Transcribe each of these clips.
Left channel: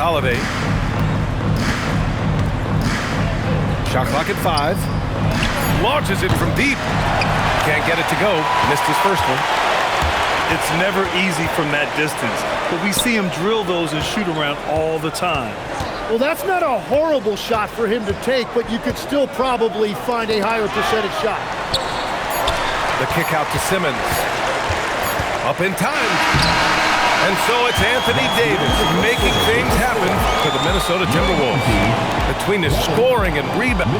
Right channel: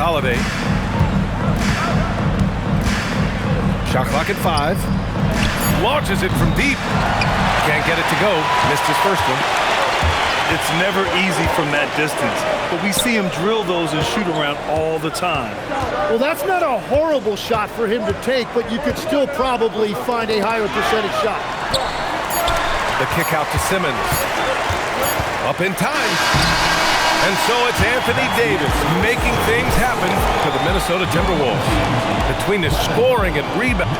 Holiday. Shot clock at 5. Launches it from deep. Can't get it to go. Missed his first one. It's never easy from that distance, but we see him drill those and shoot around all the time. Well, that's not a horrible shot for him to take, but you could still probably find a higher percentage shot. The kick out to Simmons. Up in time. And so it's Anthony Davis making things happen for the Minnesota Timberwolves. Between his scoring and rebound.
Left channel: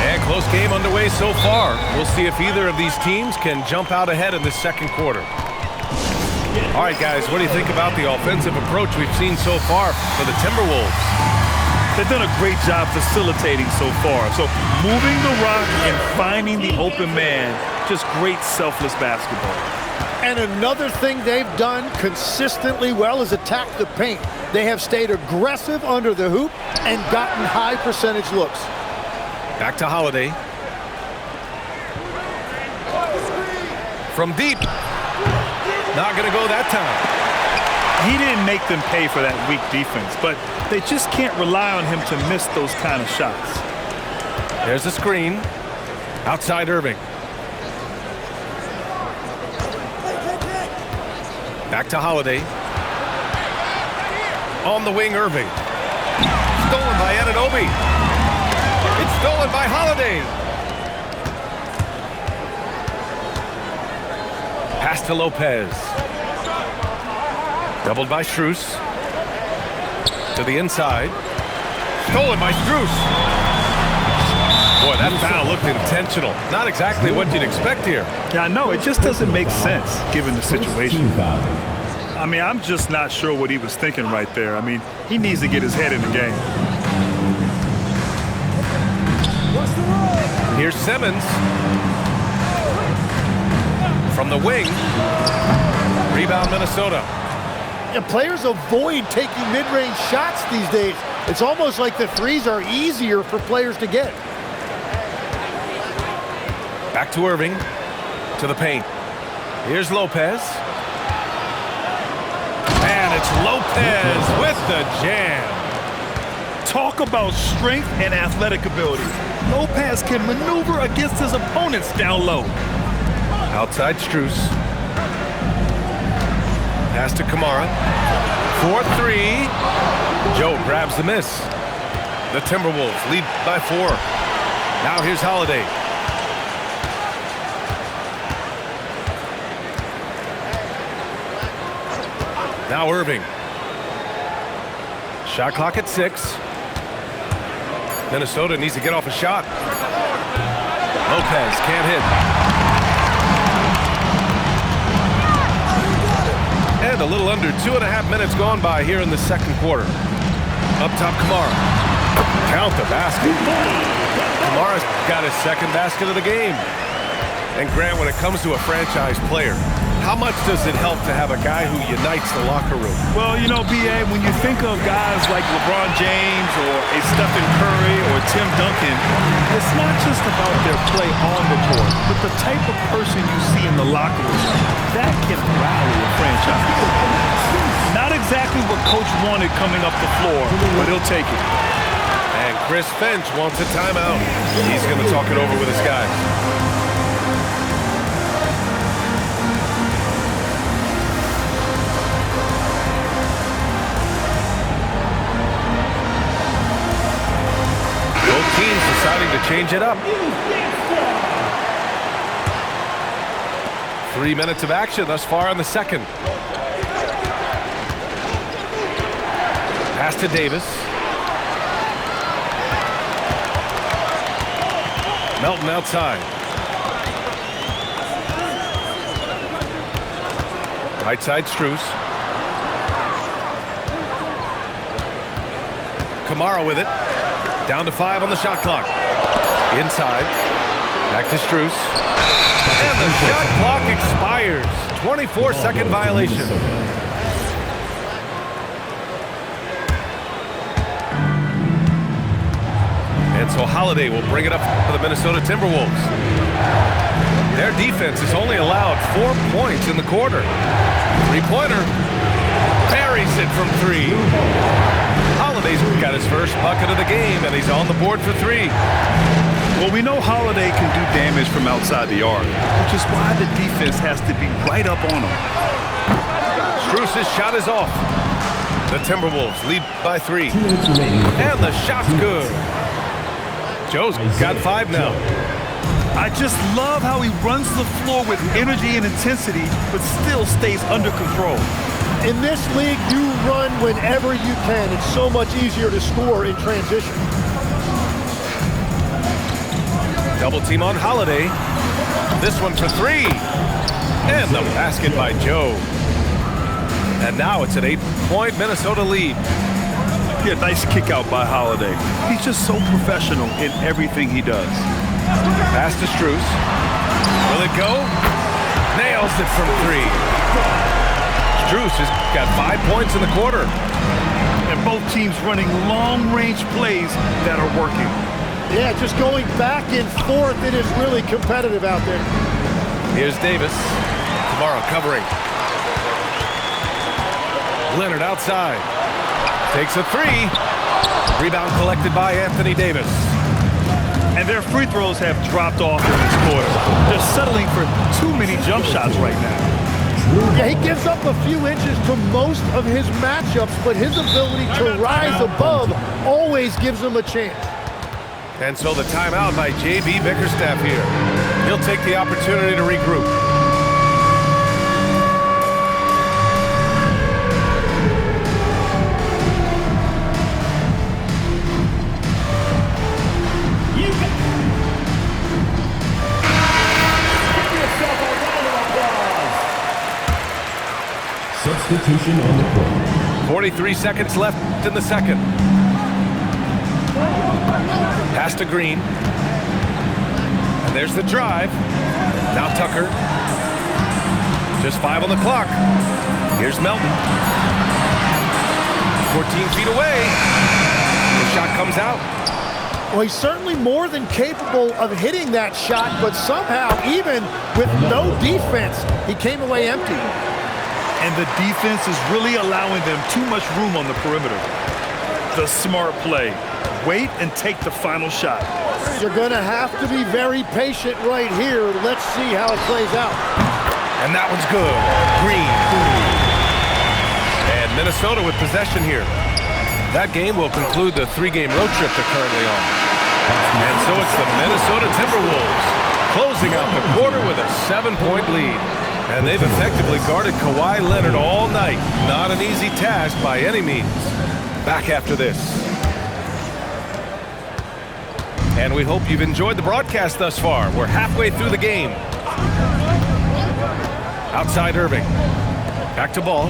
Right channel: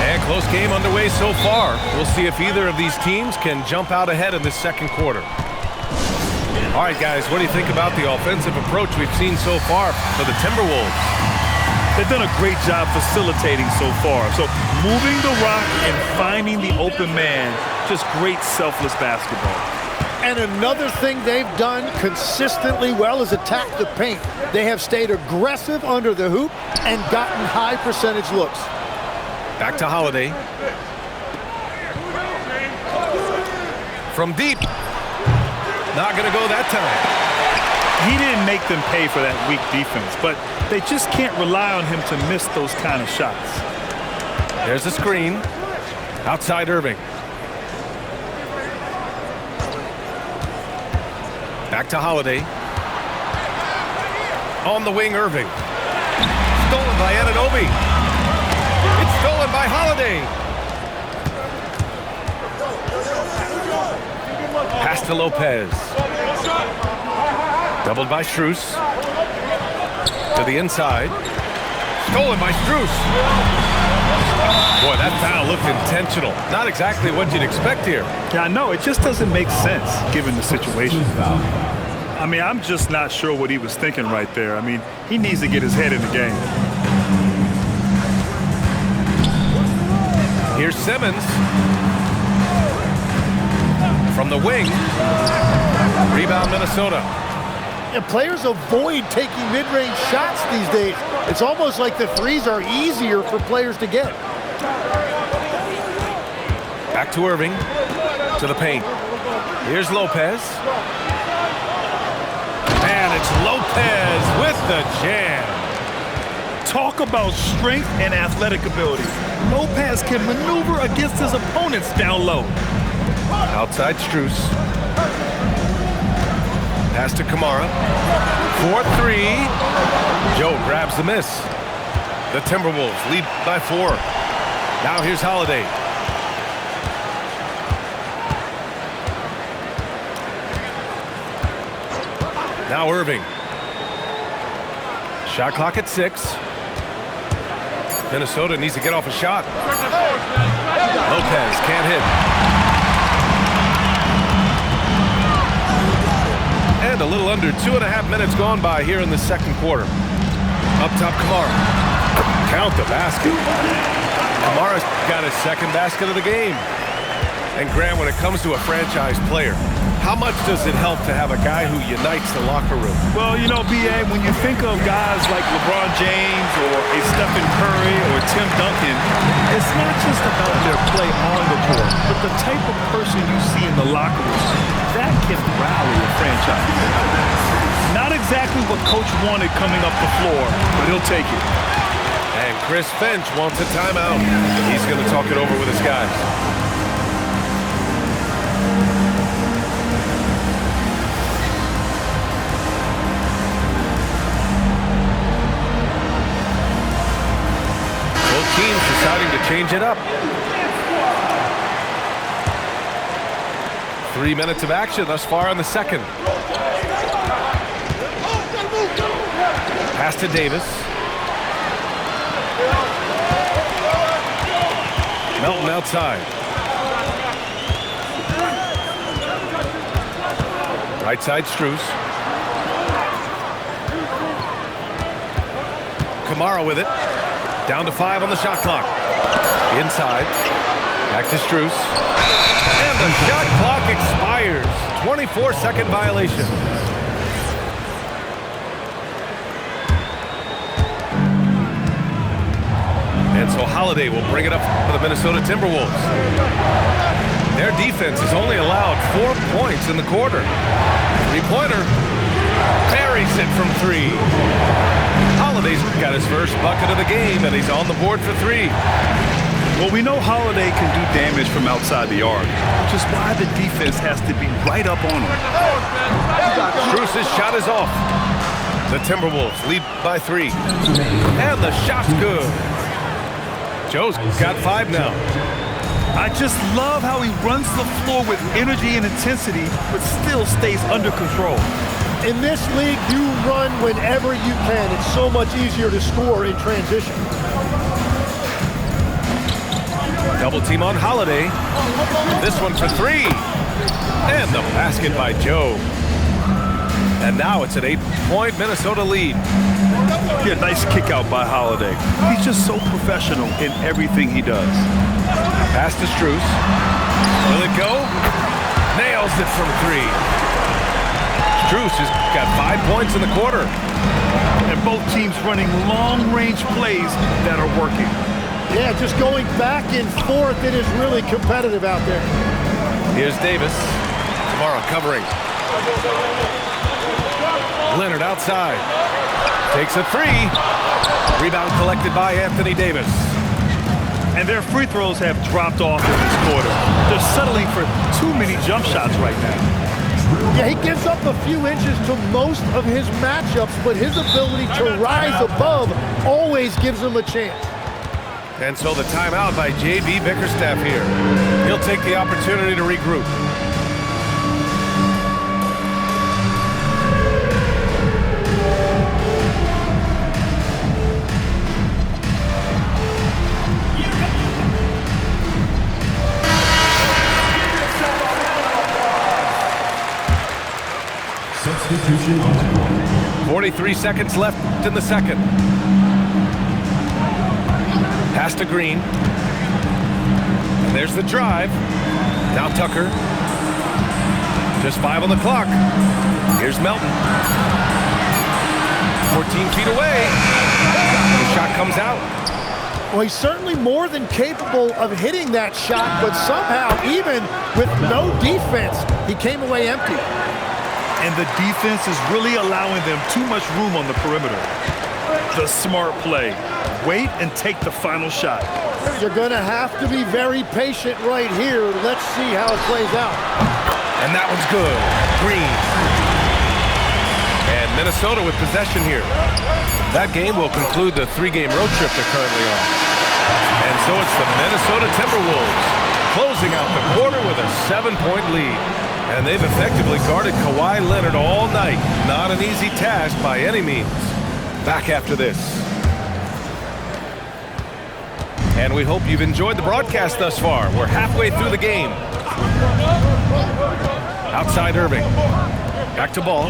And close game underway so far. We'll see if either of these teams can jump out ahead in this second quarter. All right, guys, what do you think about the offensive approach we've seen so far for the Timberwolves? They've done a great job facilitating so far. So moving the rock and finding the open man, just great selfless basketball. And another thing they've done consistently well is attack the paint. They have stayed aggressive under the hoop and gotten high percentage looks. Back to Holiday. From deep. Not going to go that time. He didn't make them pay for that weak defense, but they just can't rely on him to miss those kind of shots. There's the screen. Outside Irving. Back to Holiday. On the wing, Irving. Stolen by Anunoby. It's stolen by Holiday. Pass to Lopez. Doubled by Strus. To the inside. Stolen by Strus. Boy, that foul looked intentional. Not exactly what you'd expect here. Yeah, I know. It just doesn't make sense given the situation. I mean, I'm just not sure what he was thinking right there. I mean, he needs to get his head in the game. Here's Simmons. From the wing. Rebound Minnesota. And players avoid taking mid-range shots these days. It's almost like the threes are easier for players to get. Back to Irving. To the paint. Here's Lopez. And it's Lopez with the jam. Talk about strength and athletic ability. Lopez can maneuver against his opponents down low. Outside Strus. Pass to Kamara. 4-3. Joe grabs the miss. The Timberwolves lead by 4. Now here's Holiday. Now Irving. Shot clock at 6. Minnesota needs to get off a shot. Lopez can't hit. And a little under 2.5 minutes gone by here in the second quarter. Up top, Kamara. Count the basket. Kamara's got his second basket of the game. And Grant, when it comes to a franchise player, how much does it help to have a guy who unites the locker room? Well, you know, B.A., when you think of guys like LeBron James or a Stephen Curry or Tim Duncan, it's not just about their play on the court, but the type of person you see in the locker room that can rally a franchise. Not exactly what Coach wanted coming up the floor, but he'll take it. And Chris Finch wants a timeout. He's going to talk it over with his guys. Both teams deciding to change it up. 3 minutes of action thus far in the second. Pass to Davis. Melton outside. Right side Strus. Kamara with it. Down to 5 on the shot clock. Inside. Back to Strus. And the shot clock expires. 24-second violation. And so Holiday will bring it up for the Minnesota Timberwolves. Their defense has only allowed 4 points in the quarter. Three-pointer. Buries it from 3. Holiday's got his first bucket of the game, and he's on the board for 3. Well, we know Holiday can do damage from outside the arc, which is why the defense has to be right up on him. Strus's shot is off. The Timberwolves lead by 3. And the shot's good. Joe's got 5 now. I just love how he runs the floor with energy and intensity, but still stays under control. In this league, you run whenever you can. It's so much easier to score in transition. Double team on Holiday. This one for 3. And the basket by Joe. And now it's an 8-point Minnesota lead. Yeah, nice kick out by Holiday. He's just so professional in everything he does. Pass to Strus. Will it go? Nails it from 3. Strus has got 5 points in the quarter. And both teams running long-range plays that are working. Yeah, just going back and forth. It is really competitive out there. Here's Davis. Tomorrow covering. Leonard outside. Takes a 3. Rebound collected by Anthony Davis. And their free throws have dropped off in this quarter. They're settling for too many jump shots right now. Yeah, he gives up a few inches to most of his matchups, but his ability to rise above always gives him a chance. And so the timeout by J.B. Bickerstaff here. He'll take the opportunity to regroup. Substitution on the court. 43 seconds left in the second. Pass to Green. And there's the drive. Now Tucker. Just 5 on the clock. Here's Melton. 14 feet away. The shot comes out. Well, he's certainly more than capable of hitting that shot, but somehow, even with no defense, he came away empty. And the defense is really allowing them too much room on the perimeter. The smart play. Wait and take the final shot. You're going to have to be very patient right here. Let's see how it plays out. And that one's good. Green. And Minnesota with possession here. That game will conclude the 3-game road trip they're currently on. And so it's the Minnesota Timberwolves closing out the quarter with a 7-point lead. And they've effectively guarded Kawhi Leonard all night. Not an easy task by any means. Back after this. And we hope you've enjoyed the broadcast thus far. We're halfway through the game. Outside Irving. Back to Ball.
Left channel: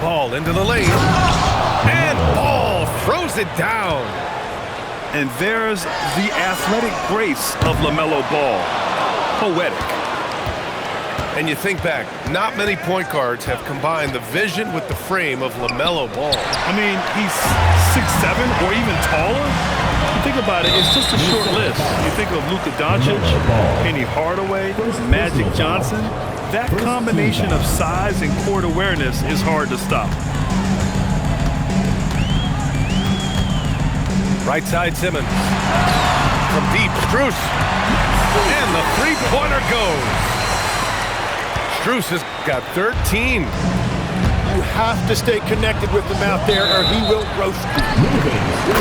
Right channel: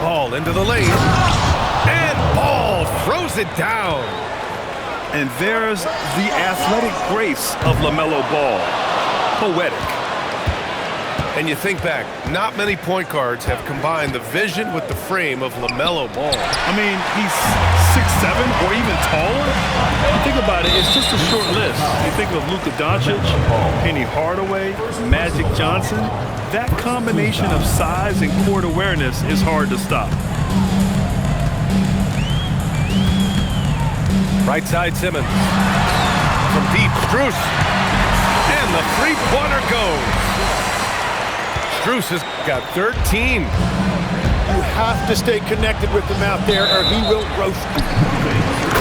Ball into the lane. And Ball throws it down. And there's the athletic grace of LaMelo Ball. Poetic. And you think back, not many point guards have combined the vision with the frame of LaMelo Ball. I mean, he's 6'7" or even taller. You think about it, it's just a short list. You think of Luka Doncic, Penny Hardaway, Magic Johnson. That combination of size and court awareness is hard to stop. Right side Simmons. From deep, Strus. And the three-pointer goes. Strus has got 13. You have to stay connected with him out there or he will roast you.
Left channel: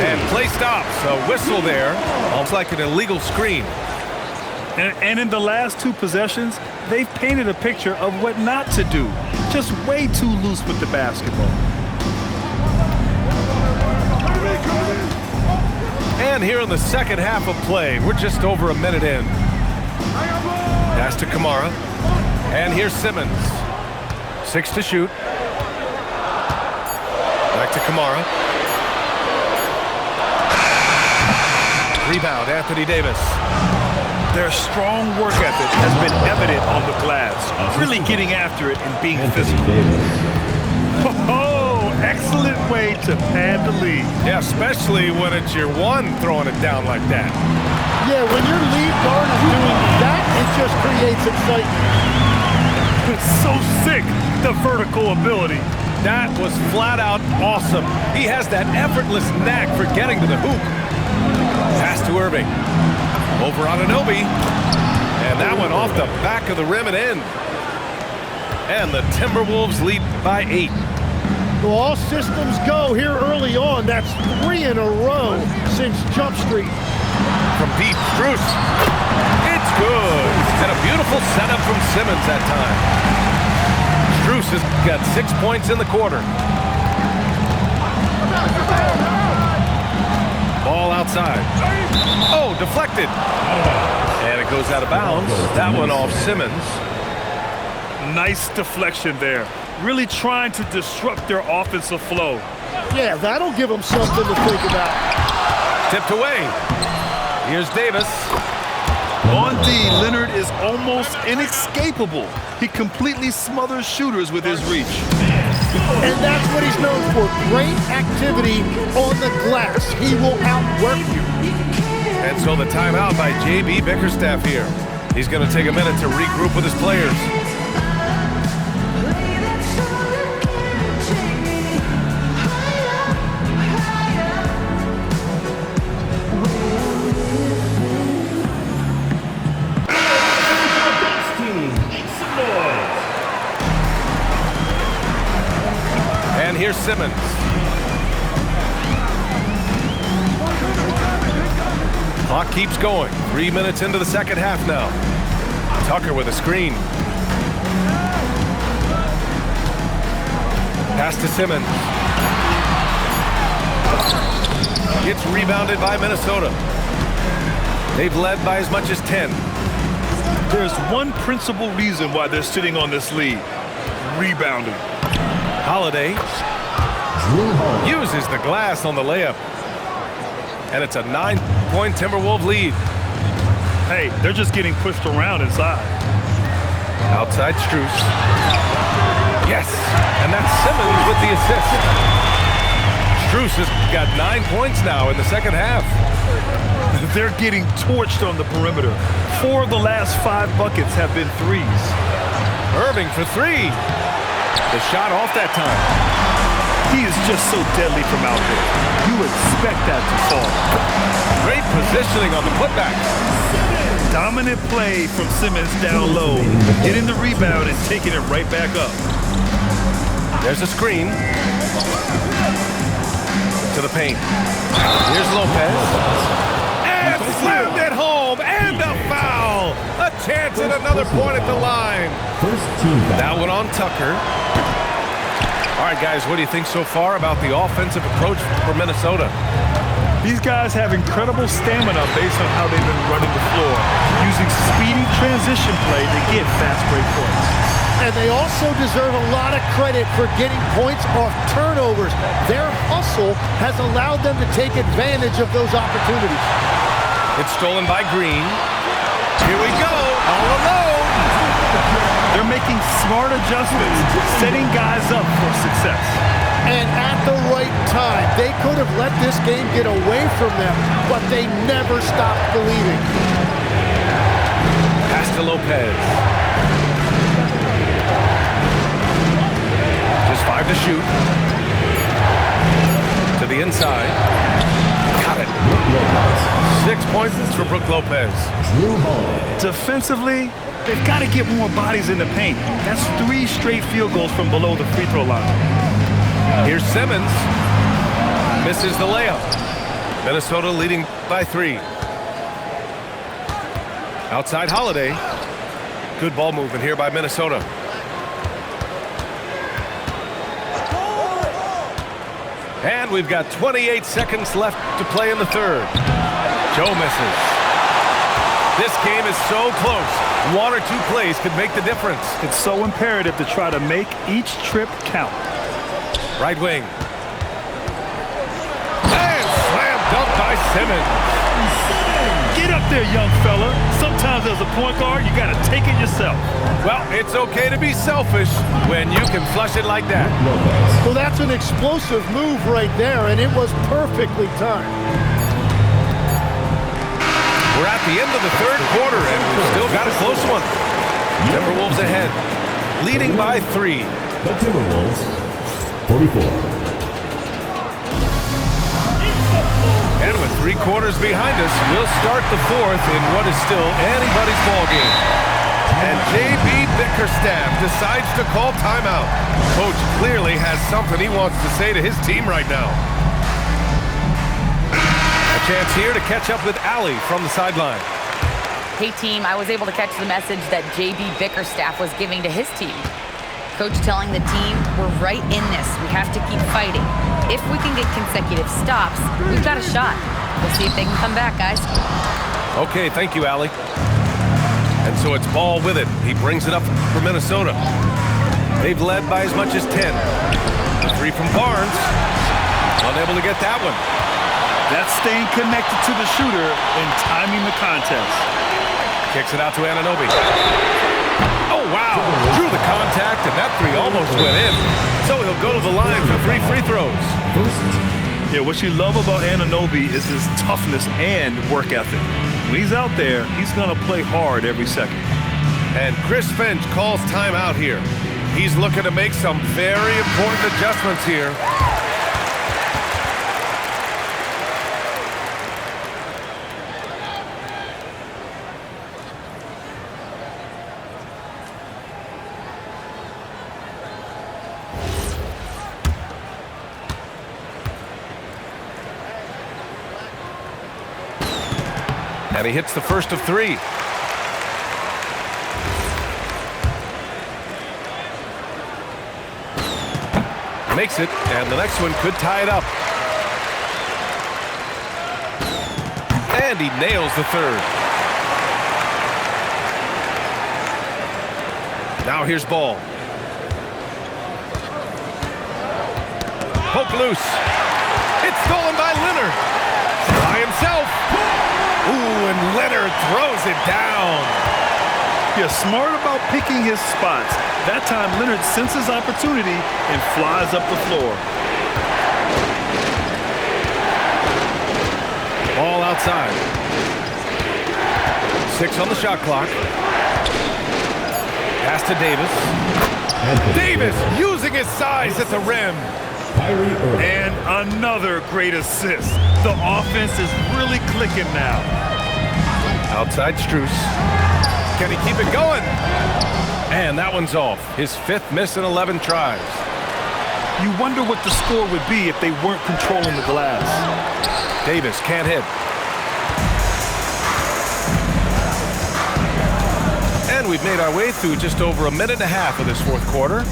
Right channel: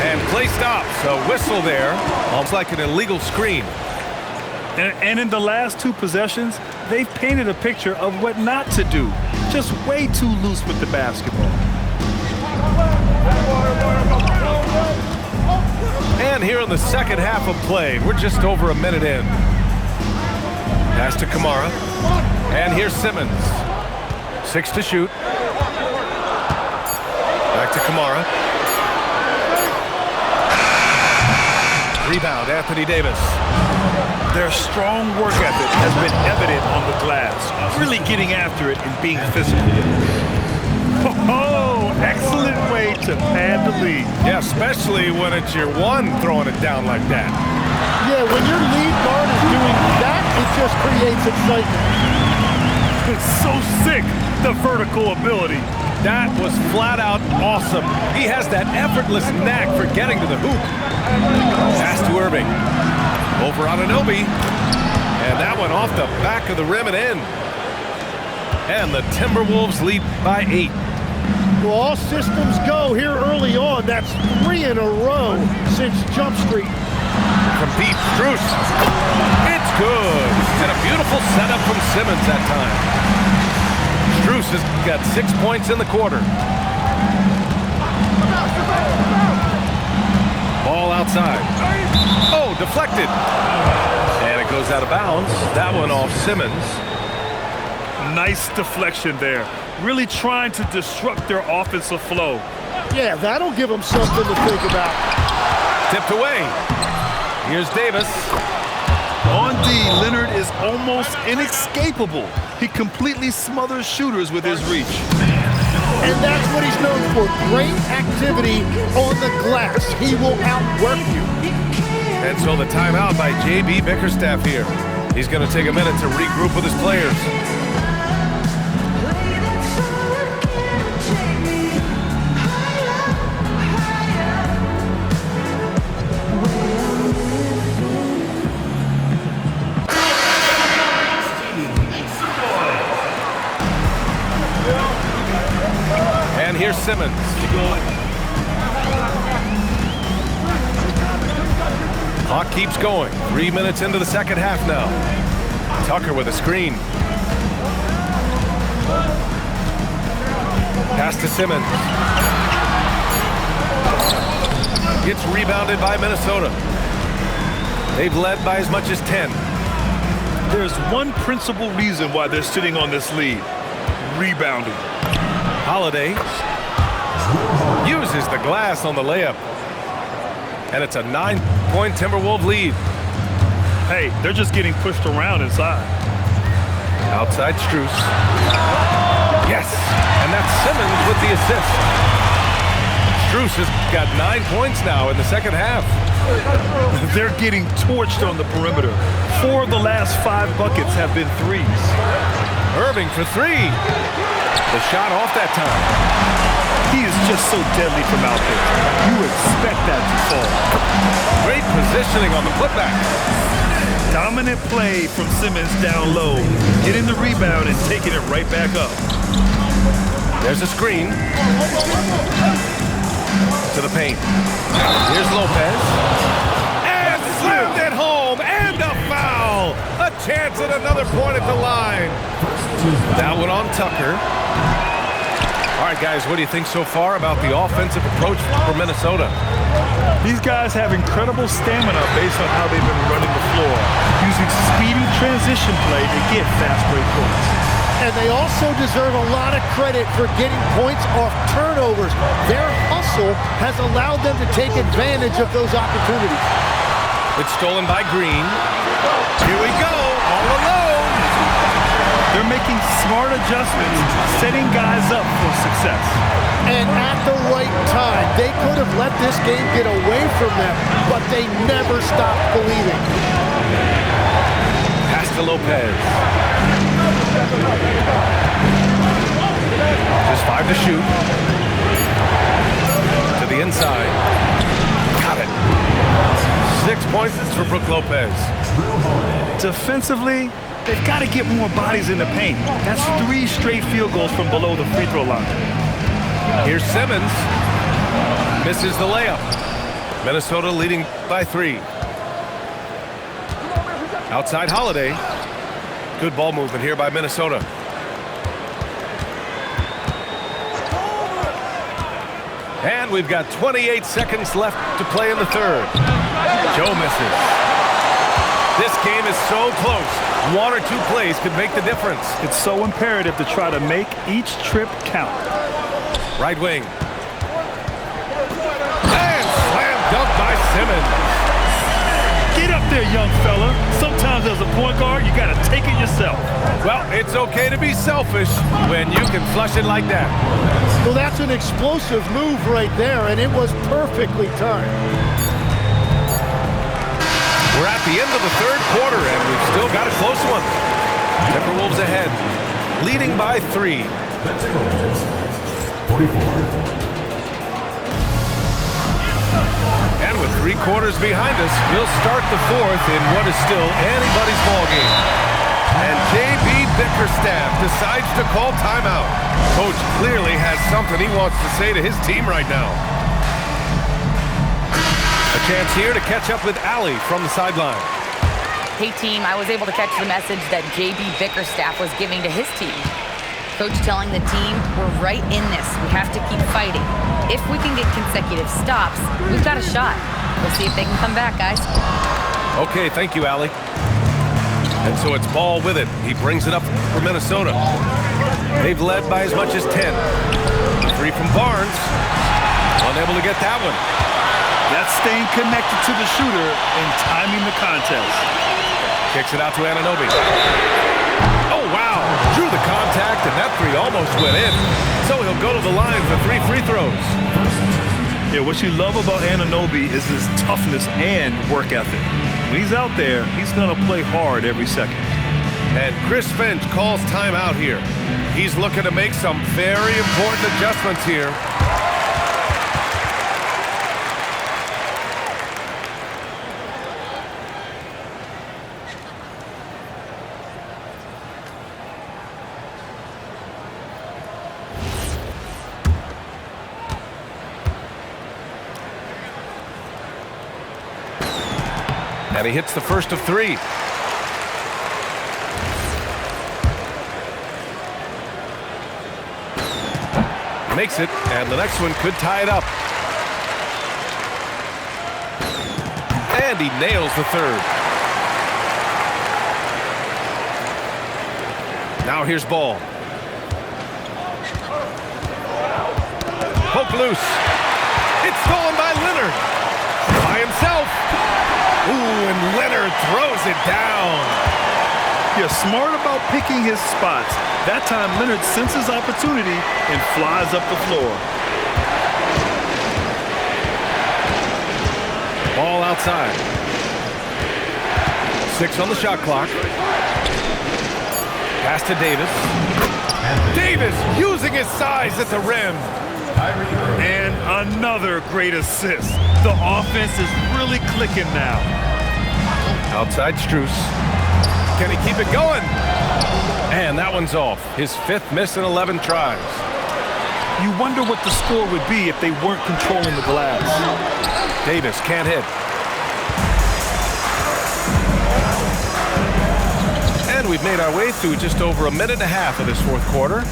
And play stops. A whistle there. Almost like an illegal screen. And in the last 2 possessions, they've painted a picture of what not to do. Just way too loose with the basketball. And here in the second half of play, we're just over a minute in. Pass to Kamara. And here's Simmons. 6 to shoot. Back to Kamara. Rebound, Anthony Davis. Their strong work ethic has been evident on the glass, really getting after it and being physical. Oh, excellent way to pad the lead. Yeah, especially when it's your one throwing it down like that. Yeah, when your lead guard is doing that, it just creates excitement. It's so sick, the vertical ability. That was flat out awesome. He has that effortless knack for getting to the hoop. Pass to Irving. Over on Anunoby. And that went off the back of the rim and in. And the Timberwolves lead by 8. Well, all systems go here early on. That's 3 in a row since Jump Street. From deep, Strus. It's good. And a beautiful setup from Simmons that time. Strus has got 6 points in the quarter. Ball outside. Oh, deflected. And it goes out of bounds. That one off Simmons. Nice deflection there. Really trying to disrupt their offensive flow. Yeah, that'll give them something to think about. Tipped away. Here's Davis. On D, Leonard is almost inescapable. He completely smothers shooters with his reach. And that's what he's known for. Great activity on the glass. He will outwork you. And so the timeout by J.B. Bickerstaff here. He's going to take a minute to regroup with his players. And here's Simmons. Clock keeps going. 3 minutes into the second half now. Tucker with a screen. Pass to Simmons. It's rebounded by Minnesota. They've led by as much as 10. There's one principal reason why they're sitting on this lead. Rebounding. Holiday uses the glass on the layup. And it's a 9-point Timberwolves lead. Hey, they're just getting pushed around inside. Outside Strus. Yes, and that's Simmons with the assist. Strus has got 9 points now in the second half. They're getting torched on the perimeter. 4 of the last 5 buckets have been threes. Irving for 3. The shot off that time. He is just so deadly from out there. You expect that to fall. Great positioning on the putback. Dominant play from Simmons down low, getting the rebound and taking it right back up. There's a screen. To the paint. Here's Lopez. And slammed it home. And a foul. A chance at another point at the line. That one on Tucker. All right, guys, what do you think so far about the offensive approach for Minnesota? These guys have incredible stamina based on how they've been running the floor, using speedy transition play to get fast break points. And they also deserve a lot of credit for getting points off turnovers. Their hustle has allowed them to take advantage of those opportunities. It's stolen by Green. Here we go, all alone. They're making smart adjustments, setting guys up for success. And at the right time, they could have let this game get away from them, but they never stopped believing. Pass to Lopez. Just 5 to shoot. To the inside. Got it. 6 points for Brook Lopez. Defensively, they've got to get more bodies in the paint. That's 3 straight field goals from below the free throw line. Here's Simmons. Misses the layup. Minnesota leading by 3. Outside Holiday. Good ball movement here by Minnesota. And we've got 28 seconds left to play in the third. Joe misses. This game is so close. 1 or 2 plays could make the difference. It's so imperative to try to make each trip count. Right wing. And slam dunk by Simmons. Get up there, young fella. Sometimes as a point guard, you got to take it yourself. Well, it's okay to be selfish when you can flush it like that. So that's an explosive move right there, and it was perfectly timed. We're at the end of the third quarter, and we've still got a close one. Timberwolves ahead, leading by 3. The Timberwolves, 44. And with 3 quarters behind us, we'll start the fourth in what is still anybody's ball game. And J.B. Bickerstaff decides to call timeout. Coach clearly has something he wants to say to his team right now. A chance here to catch up with Allie from the sideline. Hey, team, I was able to catch the message that J.B. Bickerstaff was giving to his team. Coach telling the team, we're right in this. We have to keep fighting. If we can get consecutive stops, we've got a shot. We'll see if they can come back, guys. Okay, thank you, Allie. And so it's Ball with it. He brings it up for Minnesota. They've led by as much as 10. 3 from Barnes. Unable to get that one. That's staying connected to the shooter and timing the contest. Kicks it out to Anunoby. Oh, wow. Drew the contact, and that 3 almost went in. So he'll go to the line for 3 free throws. Yeah, what you love about Anunoby is his toughness and work ethic. When he's out there, he's going to play hard every second. And Chris Finch calls timeout here. He's looking to make some very important adjustments here. And he hits the first of 3. Makes it, and the next one could tie it up. And he nails the third. Now here's Ball. Poke loose. It's stolen by Leonard. By himself. Ooh, and Leonard throws it down. You're smart about picking his spots. That time, Leonard senses opportunity and flies up the floor. Ball outside. 6 on the shot clock. Pass to Davis. Davis using his size at the rim. And another great assist. The offense is really clicking now. Outside Strus. Can he keep it going? And that one's off. His 5th miss in 11 tries. You wonder what the score would be if they weren't controlling the glass. Davis can't hit. And we've made our way through just over a minute and a half of this fourth quarter.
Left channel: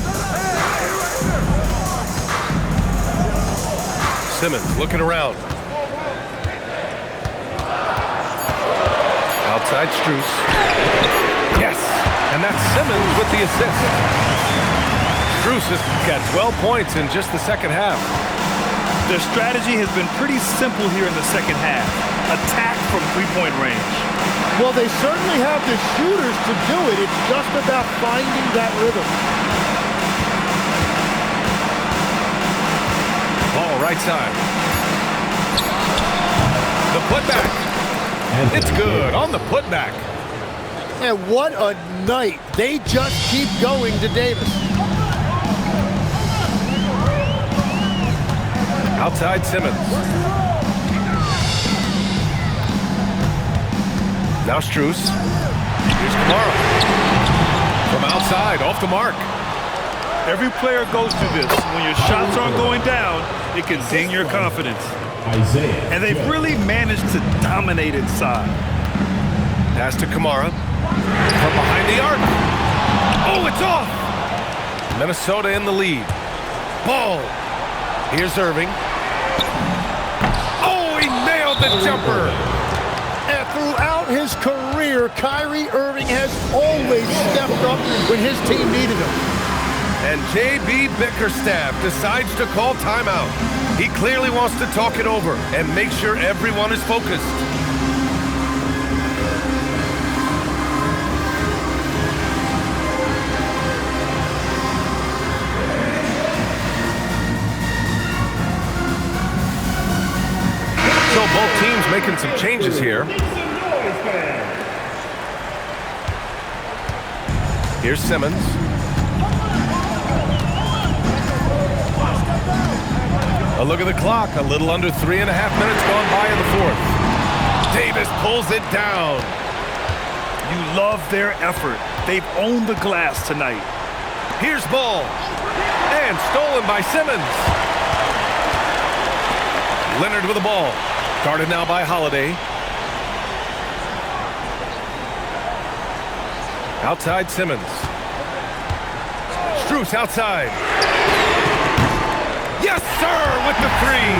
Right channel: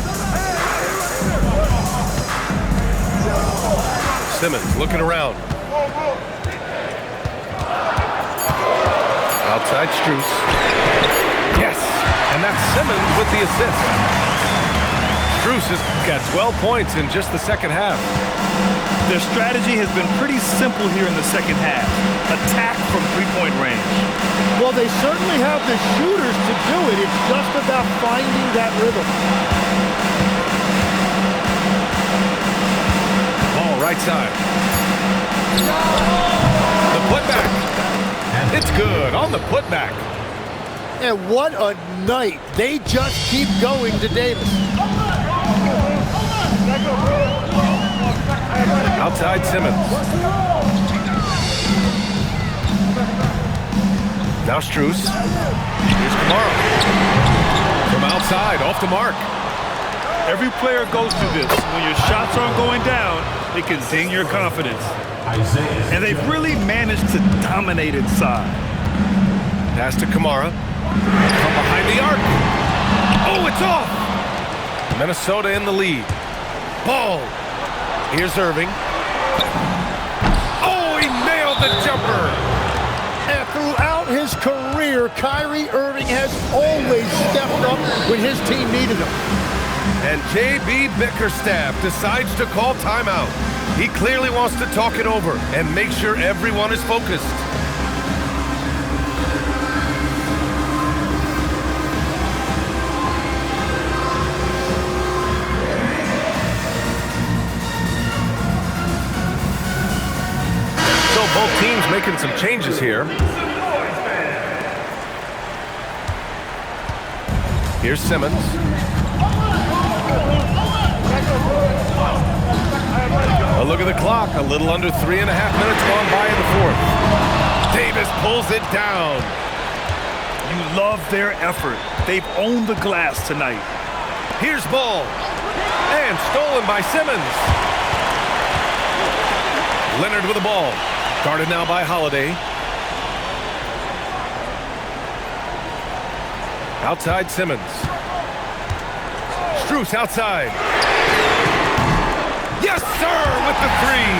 Simmons looking around. Outside Strus. Yes, and that's Simmons with the assist. Strus has got 12 points in just the second half. Their strategy has been pretty simple here in the second half. Attack from three-point range. Well, they certainly have the shooters to do it. It's just about finding that rhythm. Ball right side. The putback. It's good on the putback. And what a night. They just keep going to Davis. Outside Simmons. Now Strus. Here's Kamara. From outside, off the mark. Every player goes through this. When your shots aren't going down, it can ding your confidence. And they've really managed to dominate inside. Pass to Kamara. From behind the arc. Oh, it's off! Minnesota in the lead. Ball. Here's Irving. Oh, he nailed the jumper. And throughout his career, Kyrie Irving has always stepped up when his team needed him. And J.B. Bickerstaff decides to call timeout. He clearly wants to talk it over and make sure everyone is focused. So both teams making some changes here. Here's Simmons. A look at the clock. A little under 3.5 minutes gone by in the fourth. Davis pulls it down. You love their effort. They've owned the glass tonight. Here's ball. And stolen by Simmons. Leonard with the ball. Guarded now by Holiday. Outside Simmons. Strus outside. Yes, sir, with the three.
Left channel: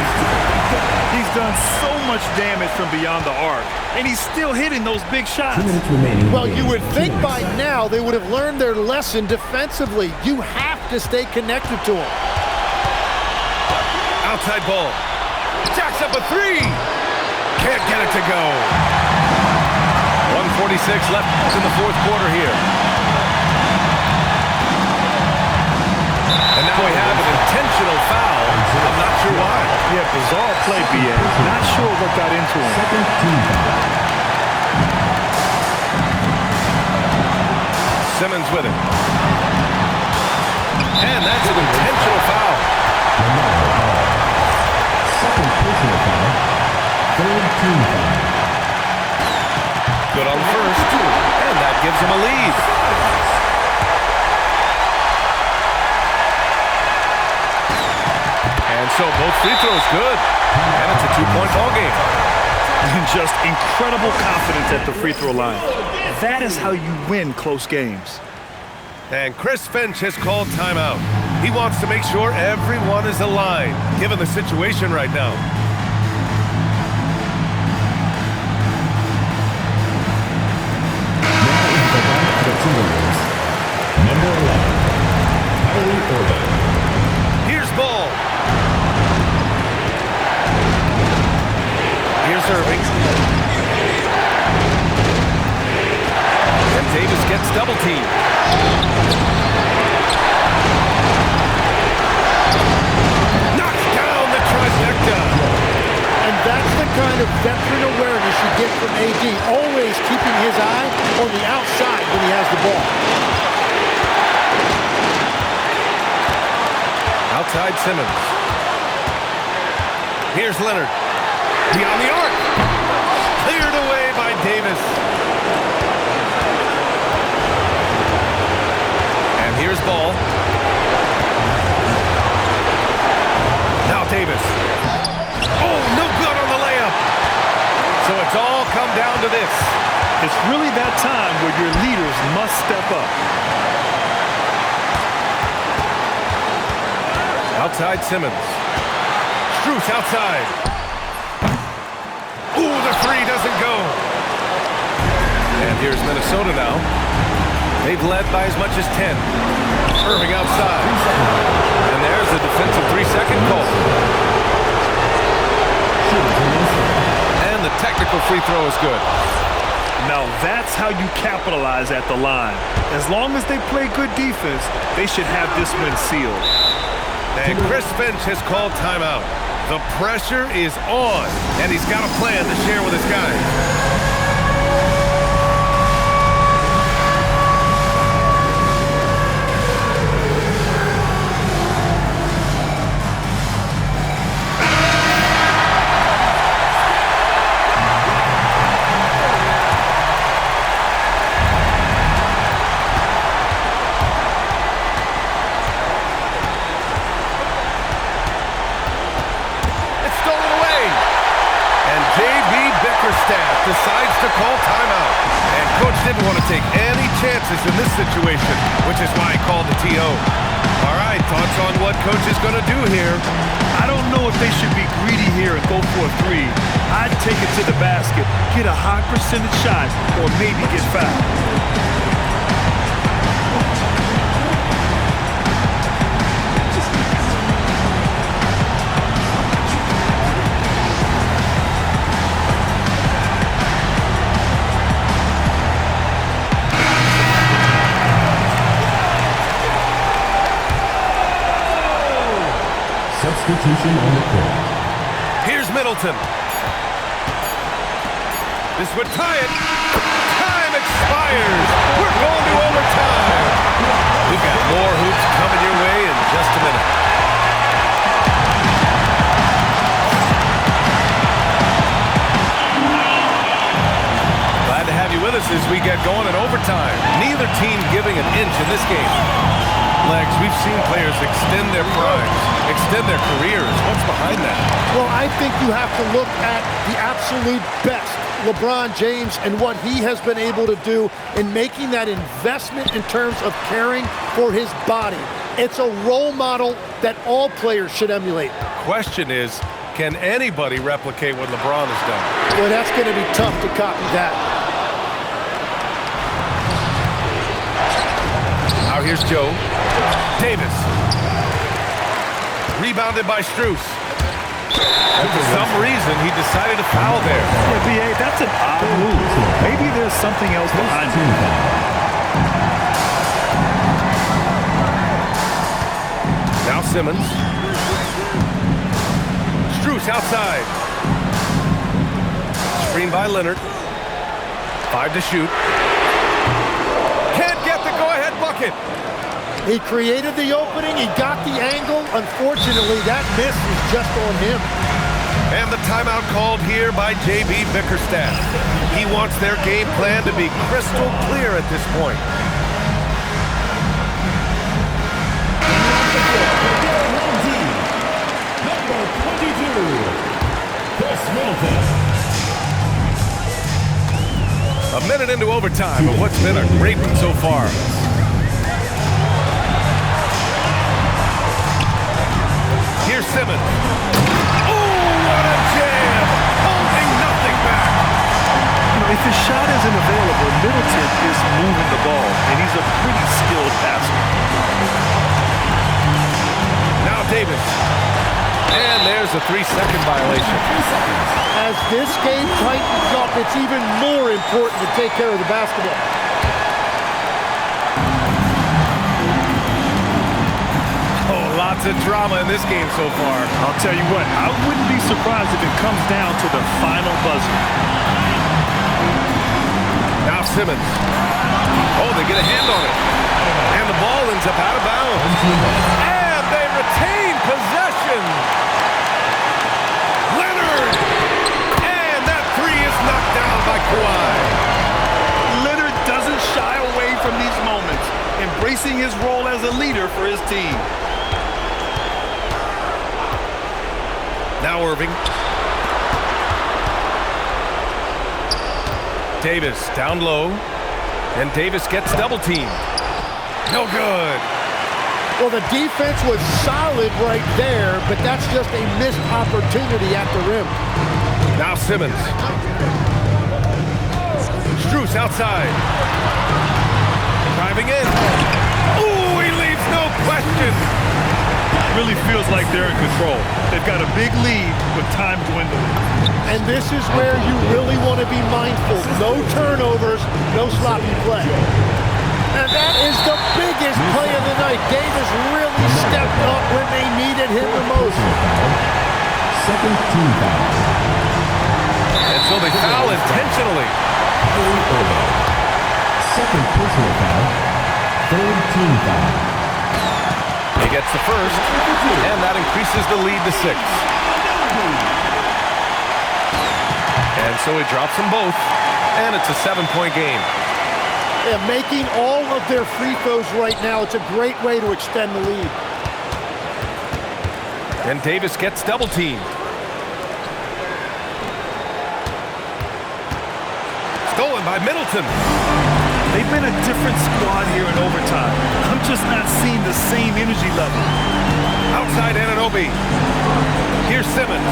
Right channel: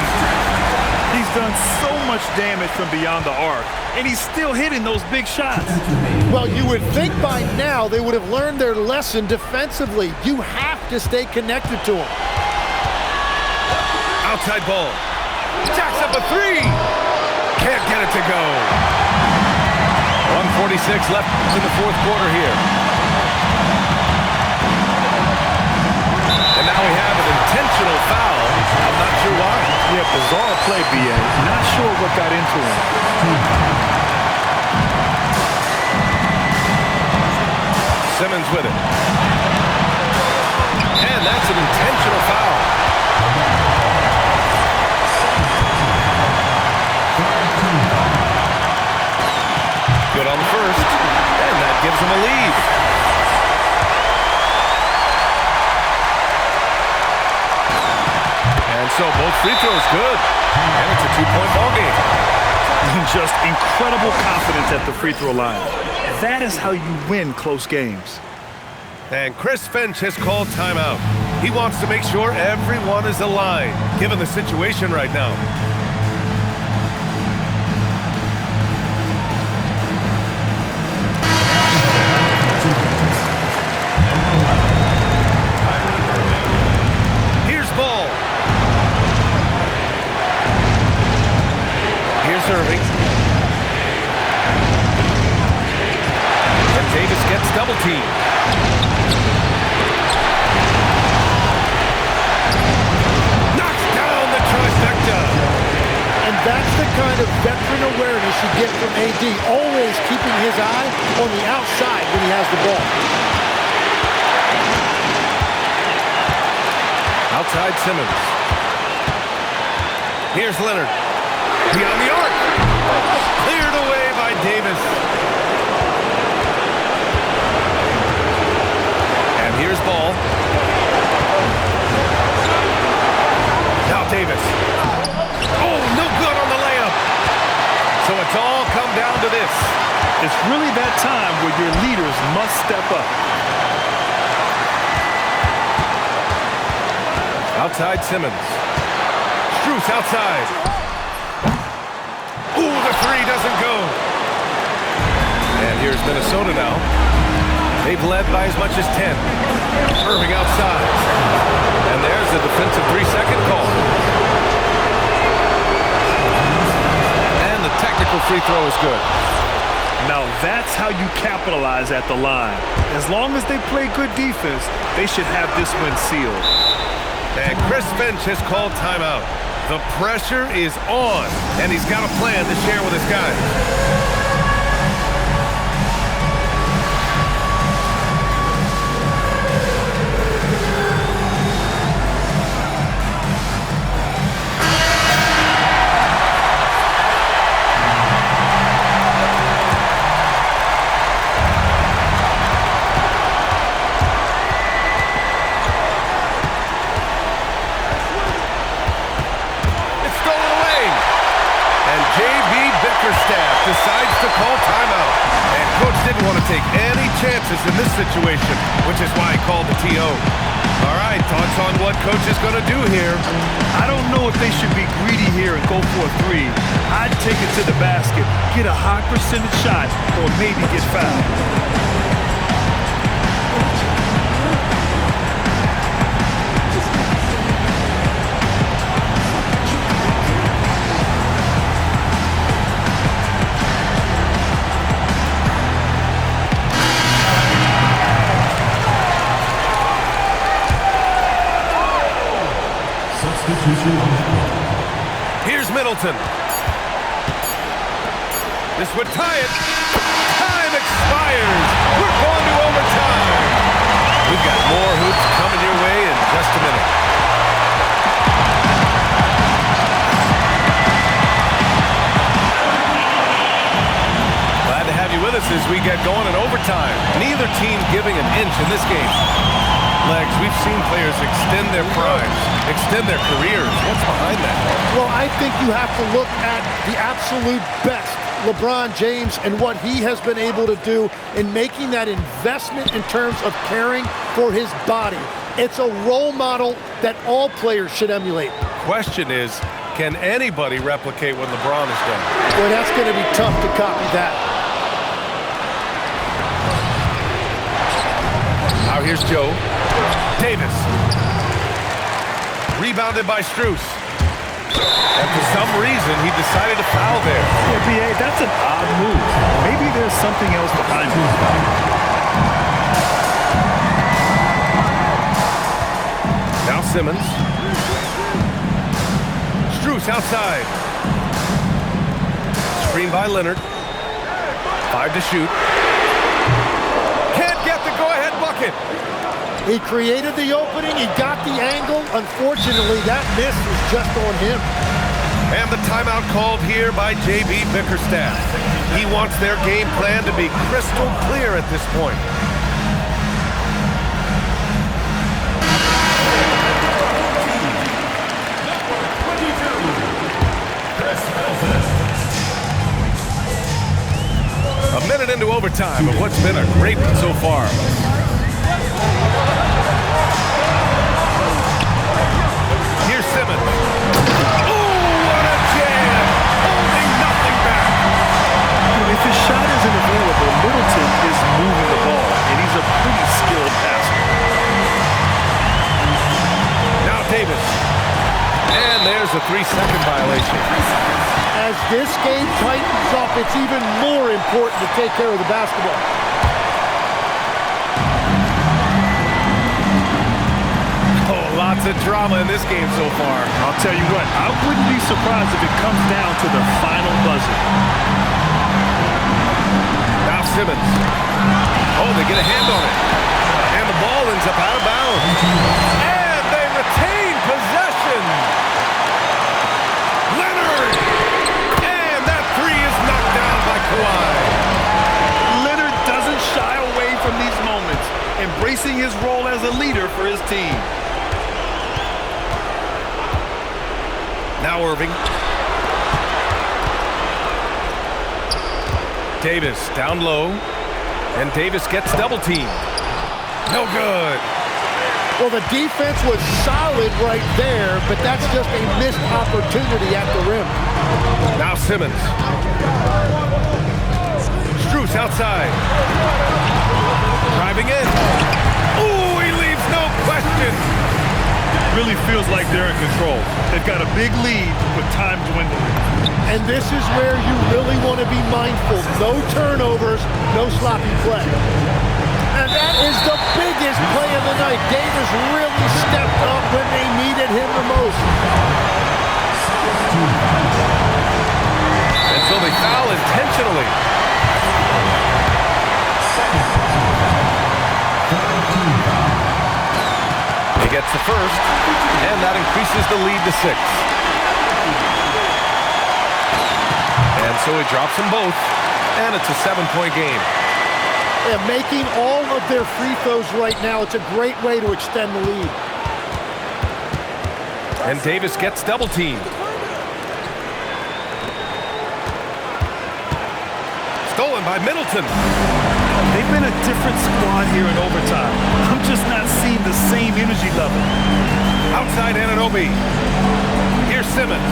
He's done so much damage from beyond the arc, and he's still hitting those big shots. Well, you would think by now they would have learned their lesson defensively. You have to stay connected to him. Outside ball. Jacks up a three. Can't get it to go. 1:46 left in the fourth quarter here. And now we have an intentional foul. I'm not sure why. Yeah, bizarre play, B.A. Not sure what got into him. Simmons with it. And that's an intentional foul. Good on the first. And that gives him a lead. And so both free throws good. And it's a two-point ball game. Just incredible confidence at the free throw line. That is how you win close games. And Chris Finch has called timeout. He wants to make sure everyone is aligned, given the situation right now. Here's ball. Here's Irving. And Davis gets double teamed. Knocks down the trifecta. And that's the kind of veteran awareness you get from AD, always keeping his eye on the outside when he has the ball. Outside Simmons. Here's Leonard. Beyond the arc. Cleared away by Davis. And here's ball. Now Davis. Oh, no good on the layup. So it's all come down to this. It's really that time where your leaders must step up. Outside Simmons. Strus outside. Ooh, the three doesn't go. And here's Minnesota now. They've led by as much as 10. Irving outside. And there's the defensive 3-second call. And the technical free throw is good. Now that's how you capitalize at the line. As long as they play good defense, they should have this win sealed. And Chris Finch has called timeout. The pressure is on, and he's got a plan to share with his guys. And J.B. Bickerstaff decides to call timeout. And Coach didn't want to take any chances in this situation, which is why he called the TO. All right, thoughts on what Coach is going to do here? I don't know if they should be greedy here and go for a three. I'd take it to the basket, get a high percentage shot, or maybe get fouled. Substitution on the court. Here's Middleton. This would tie it. Tie Time expires. We're going to overtime. We've got more hoops coming your way in just a minute. Glad to have you with us as we get going in overtime. Neither team giving an inch in this game. Legs, we've seen players extend their primes, extend their careers. What's behind that? Well, I think you have to look at the absolute best, LeBron James, and what he has been able to do in making that investment in terms of caring for his body. It's a role model that all players should emulate. Question is, can anybody replicate what LeBron has done? Boy, that's going to be tough to copy that. Now here's Joe. Davis. Rebounded by Strus. And for some reason, he decided to foul there. Yeah, B.A., that's an odd move. Maybe there's something else behind it. Now Simmons. Strus outside. Screen by Leonard. 5 to shoot. Can't get the go-ahead bucket. He created the opening. He got the angle. Unfortunately, that miss is just on him. And the timeout called here by J.B. Bickerstaff. He wants their game plan to be crystal clear at this point. A minute into overtime of what's been a great one so far. Here's Simmons. Oh, what a jam! Holding nothing back. You know, if his shot isn't available, Middleton is moving the ball, and he's a pretty skilled passer. Now Davis. And there's a 3-second violation. As this game tightens up, it's even more important to take care of the basketball. Oh, lots of drama in this game so far. I'll tell you what, I wouldn't be surprised if it comes down to the final buzzer. Now Simmons. Oh, they get a hand on it. And the ball ends up out of bounds. And they retain possession. Leonard. And that three is knocked down by Kawhi. Leonard doesn't shy away from these moments, embracing his role as a leader for his team. Now Irving. Davis down low. And Davis gets double teamed. No good. Well, the defense was solid right there, but that's just a missed opportunity at the rim. Now Simmons. Strus outside. Driving in. Ooh, he leaves no question. Really feels like they're in control. They've got a big lead with time dwindling. And this is where you really want to be mindful. No turnovers, no sloppy play. And that is the biggest play of the night. Davis really stepped up when they needed him the most. Second team foul. And so they foul intentionally. Second personal foul. Third team foul. He gets the first, and that increases the lead to 6. And so he drops them both, and it's a 7-point game. Yeah, making all of their free throws right now, it's a great way to extend the lead. And Davis gets double teamed. Stolen by Middleton. They've been a different squad here in overtime. I'm just not seeing the same energy level. Outside Anunoby. Here's Simmons.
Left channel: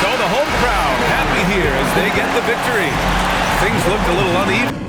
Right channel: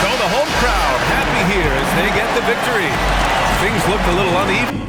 So the home crowd happy here as they get the victory. Things looked a little uneven.